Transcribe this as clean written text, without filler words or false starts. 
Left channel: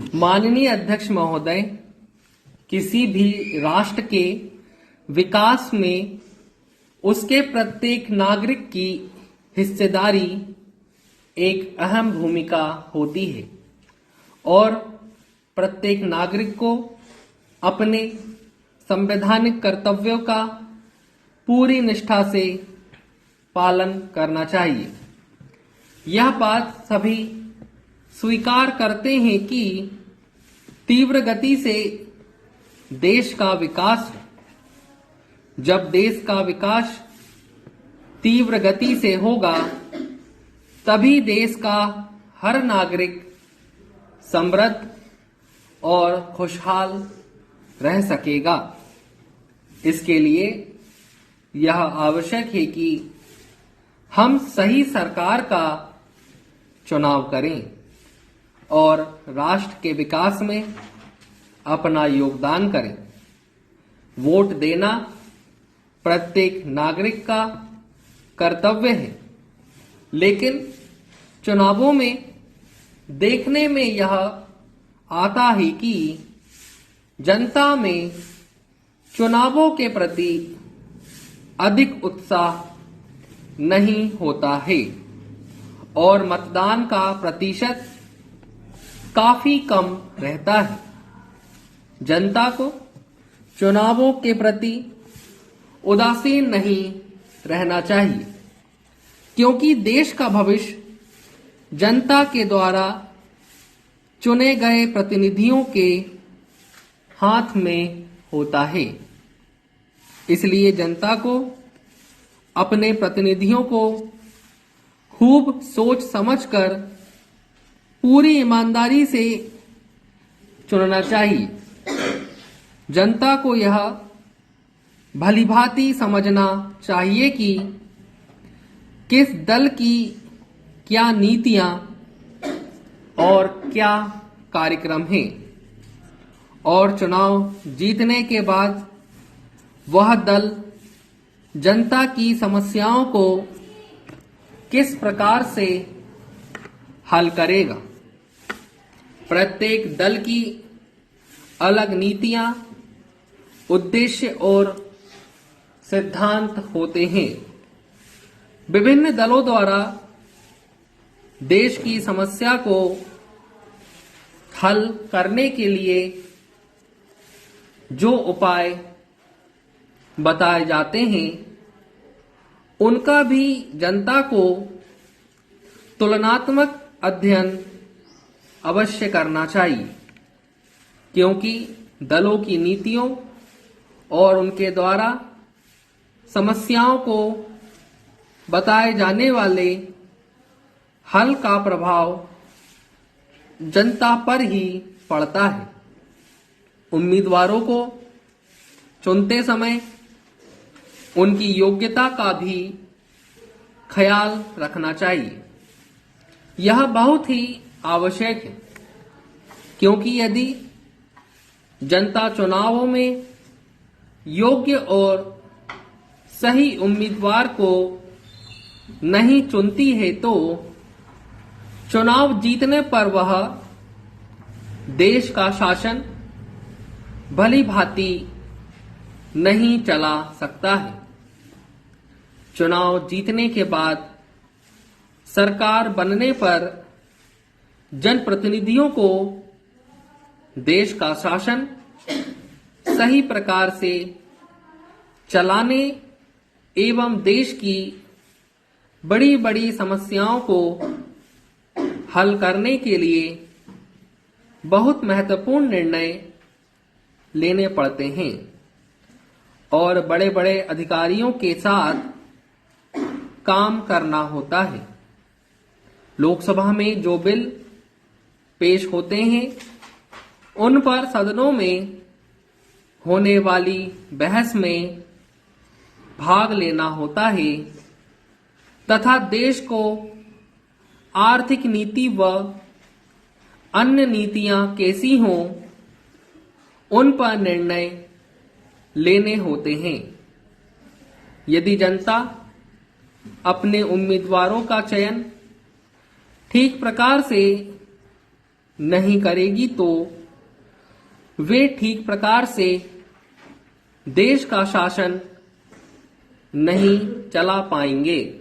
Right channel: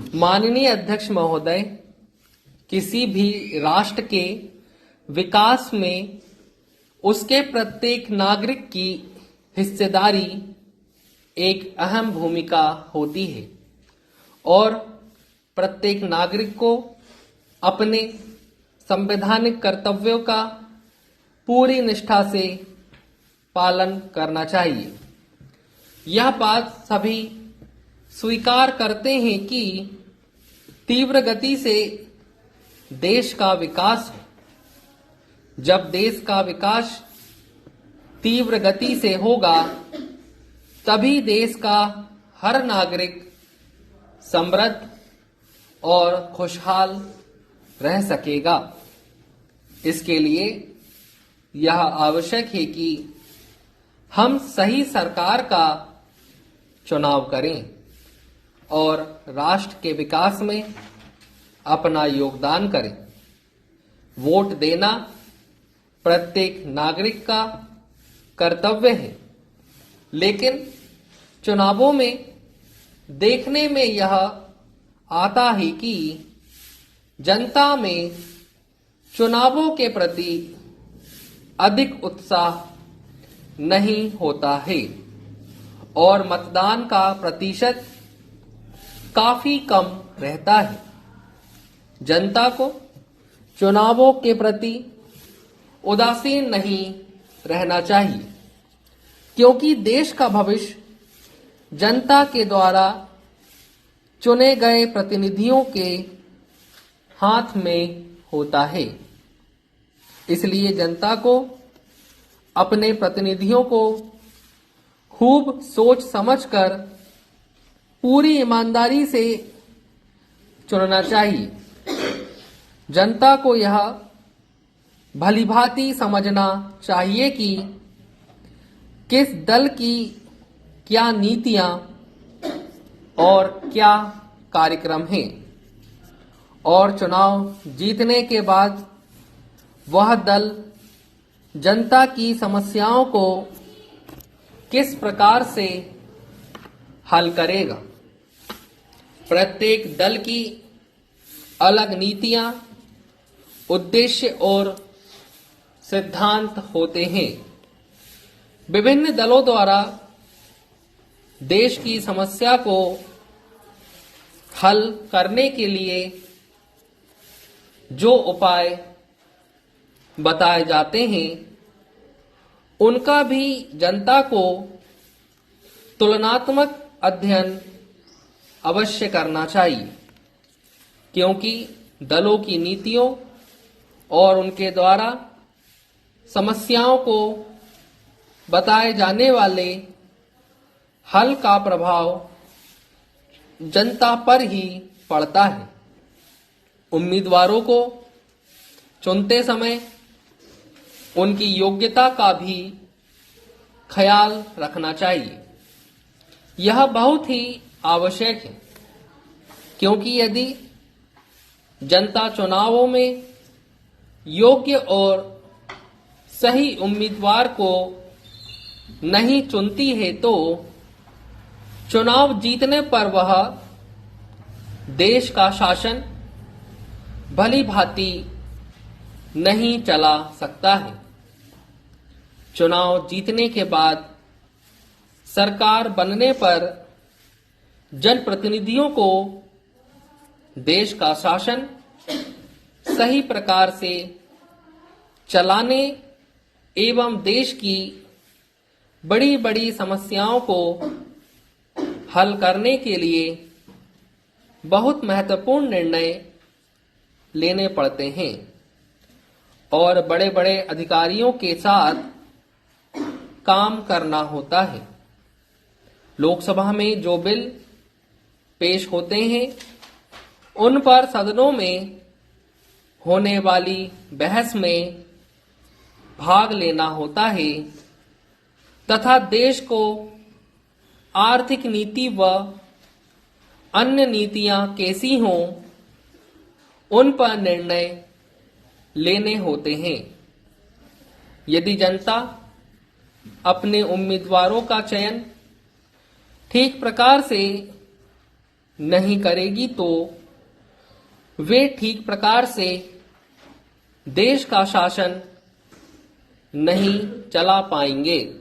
माननीय अध्यक्ष महोदय, किसी भी राष्ट्र के विकास में उसके प्रत्येक नागरिक की हिस्सेदारी एक अहम भूमिका होती है और प्रत्येक नागरिक को अपने संवैधानिक कर्तव्यों का पूरी निष्ठा से पालन करना चाहिए। यह बात सभी स्वीकार करते हैं कि तीव्र गति से देश का विकास है। जब देश का विकास तीव्र गति से होगा तभी देश का हर नागरिक समृद्ध और खुशहाल रह सकेगा। इसके लिए यह आवश्यक है कि हम सही सरकार का चुनाव करें और राष्ट्र के विकास में अपना योगदान करें। वोट देना प्रत्येक नागरिक का कर्तव्य है, लेकिन चुनावों में देखने में यह आता है कि जनता में चुनावों के प्रति अधिक उत्साह नहीं होता है और मतदान का प्रतिशत काफी कम रहता है। जनता को चुनावों के प्रति उदासीन नहीं रहना चाहिए, क्योंकि देश का भविष्य जनता के द्वारा चुने गए प्रतिनिधियों के हाथ में होता है। इसलिए जनता को अपने प्रतिनिधियों को खूब सोच समझकर पूरी ईमानदारी से चुनना चाहिए। जनता को यह भलीभांति समझना चाहिए कि किस दल की क्या नीतियां और क्या कार्यक्रम हैं और चुनाव जीतने के बाद वह दल जनता की समस्याओं को किस प्रकार से हल करेगा। प्रत्येक दल की अलग नीतियां, उद्देश्य और सिद्धांत होते हैं। विभिन्न दलों द्वारा देश की समस्या को हल करने के लिए जो उपाय बताए जाते हैं उनका भी जनता को तुलनात्मक अध्ययन अवश्य करना चाहिए, क्योंकि दलों की नीतियों और उनके द्वारा समस्याओं को बताए जाने वाले हल का प्रभाव जनता पर ही पड़ता है। उम्मीदवारों को चुनते समय उनकी योग्यता का भी ख्याल रखना चाहिए। यह बहुत ही आवश्यक है, क्योंकि यदि जनता चुनावों में योग्य और सही उम्मीदवार को नहीं चुनती है तो चुनाव जीतने पर वह देश का शासन भली भांति नहीं चला सकता है। चुनाव जीतने के बाद सरकार बनने पर जनप्रतिनिधियों को देश का शासन सही प्रकार से चलाने एवं देश की बड़ी बड़ी समस्याओं को हल करने के लिए बहुत महत्वपूर्ण निर्णय लेने पड़ते हैं और बड़े बड़े अधिकारियों के साथ काम करना होता है। लोकसभा में जो बिल पेश होते हैं उन पर सदनों में होने वाली बहस में भाग लेना होता है तथा देश को आर्थिक नीति व अन्य नीतियां कैसी हों उन पर निर्णय लेने होते हैं। यदि जनता अपने उम्मीदवारों का चयन ठीक प्रकार से नहीं करेगी तो वे ठीक प्रकार से देश का शासन नहीं चला पाएंगे।